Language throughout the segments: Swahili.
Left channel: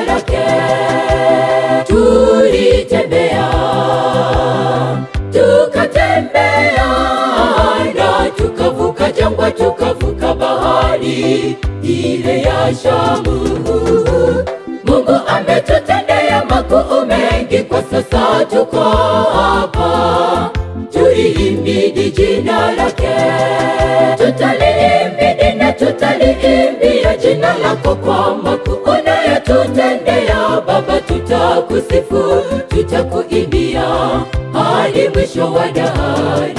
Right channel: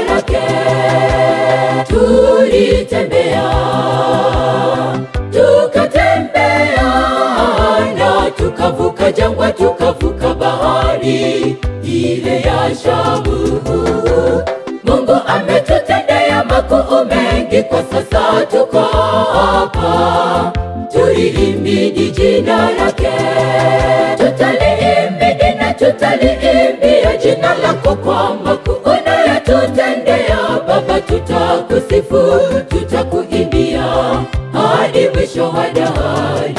lake. Tulitembea, tukatembea na tukavuka jangwa, tukavuka bahari ile ya Shamu. Mungu ametutendea makuu mengi, kwa sasa tuko hapa. Tulihimidi jina lake, tutalihimidi na tutaliimbia jina lako kwa makuu unayotutendea. Baba, tutakusifu, tutakuimbia hadi mwisho wa dahari.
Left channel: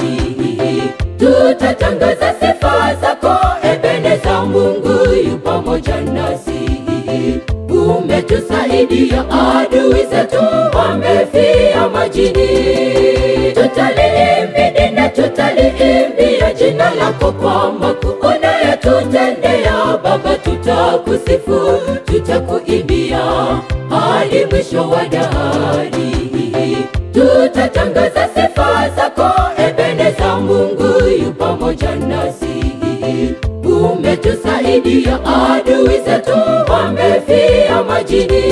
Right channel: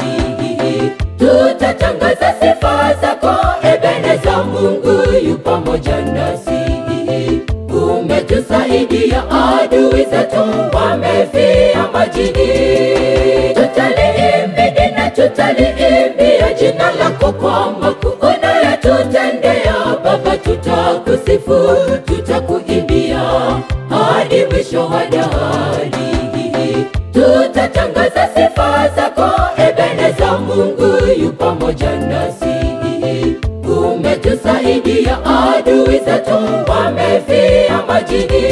Tutatangaza sifa zako, Ebeneza, Mungu yu pamoja nasi. Umetusaidia, adui zetu wamefia majini. Tutalihimidi na tutaliimbia jina lako kwa makuu unayotutendea. Baba, tutakusifu, tutakuimbia hadi mwisho wa dahari. Tutatangaza sifa zako, Ebeneza, Mungu yu pamoja nasi. Umetusaidia, adui zetu wamefia majini.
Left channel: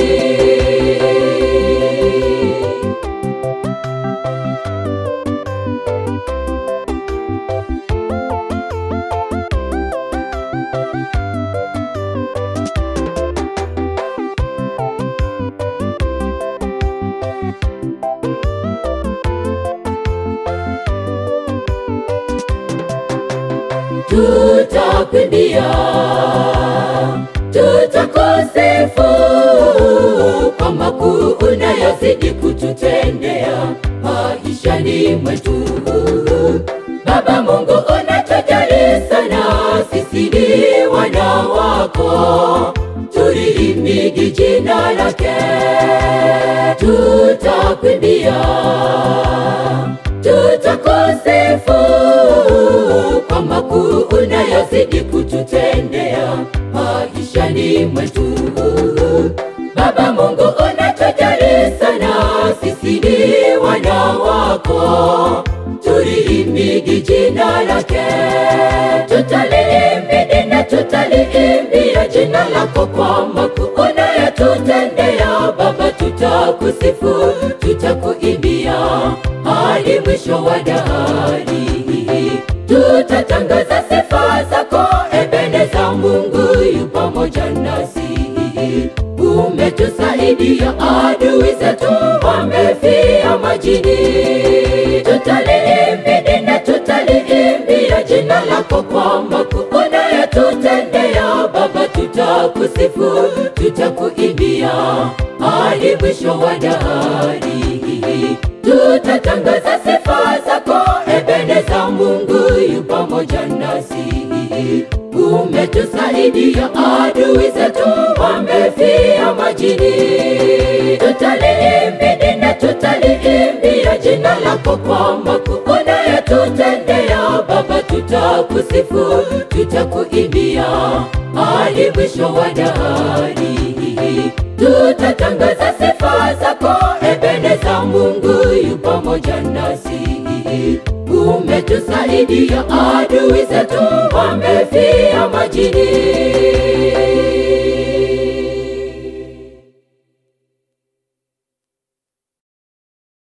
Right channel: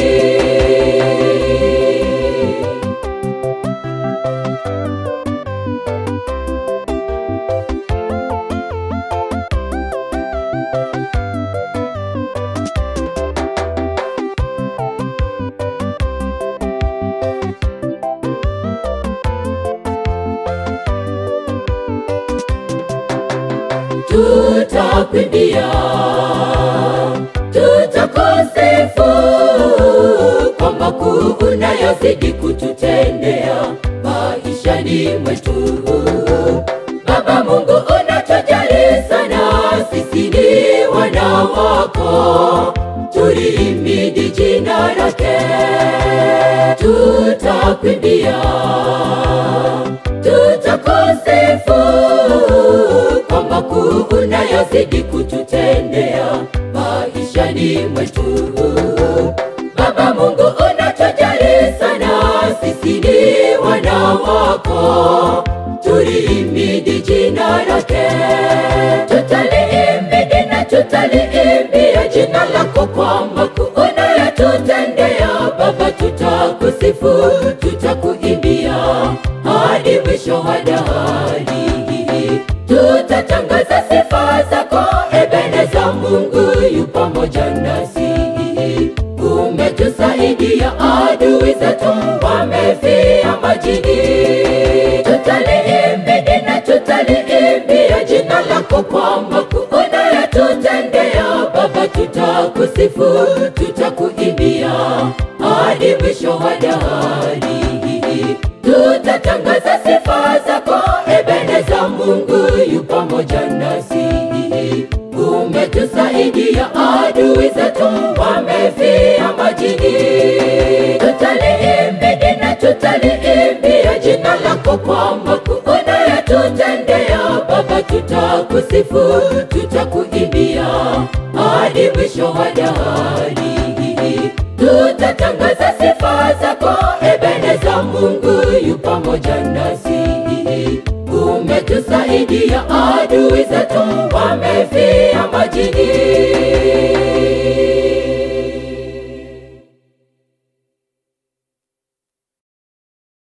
Tutakuimbia, tutakusifu kwa makuu unayozidi kututendea maishani mwetu. Baba Mungu, unatujali sana, sisi ni wana wako. Tulihimidi jina lake, tutakuimbia, tutakusifu kwa makuu unayozidi kututendea maishani mwetu. Baba Mungu, unatujali sana, sisi ni wana wako. Tulihimidi jina lake, tutalihimidi na tutaliimbia jina lako kwa makuu unayotutendea. Baba, tutakusifu, tutakuimbia hadi mwisho wa dahari. Tutatangaza sifa zako, Ebeneza, Mungu yu pamoja nasi. Umetusaidia, adui zetu wamefia majini. Tutalihimidi na tutaliimbia jina lako kwa makuu unayotutendea. Baba, tutakusifu, tutakuimbia hadi mwisho wa dahari. Tutatangaza sifa zako, Ebeneza, Mungu yu pamoja nasi. Umetusaidia, adui zetu wamefia majini. Tutalihimidi na tutaliimbia jina lako kwa makuu unayotutendea. Baba, tutakusifu, tutakuimbia hadi mwisho wa dahari. Tutatangaza sifa zako, Ebeneza, Mungu yu pamoja nasi. Umetusaidia, adui zetu wamefia majini.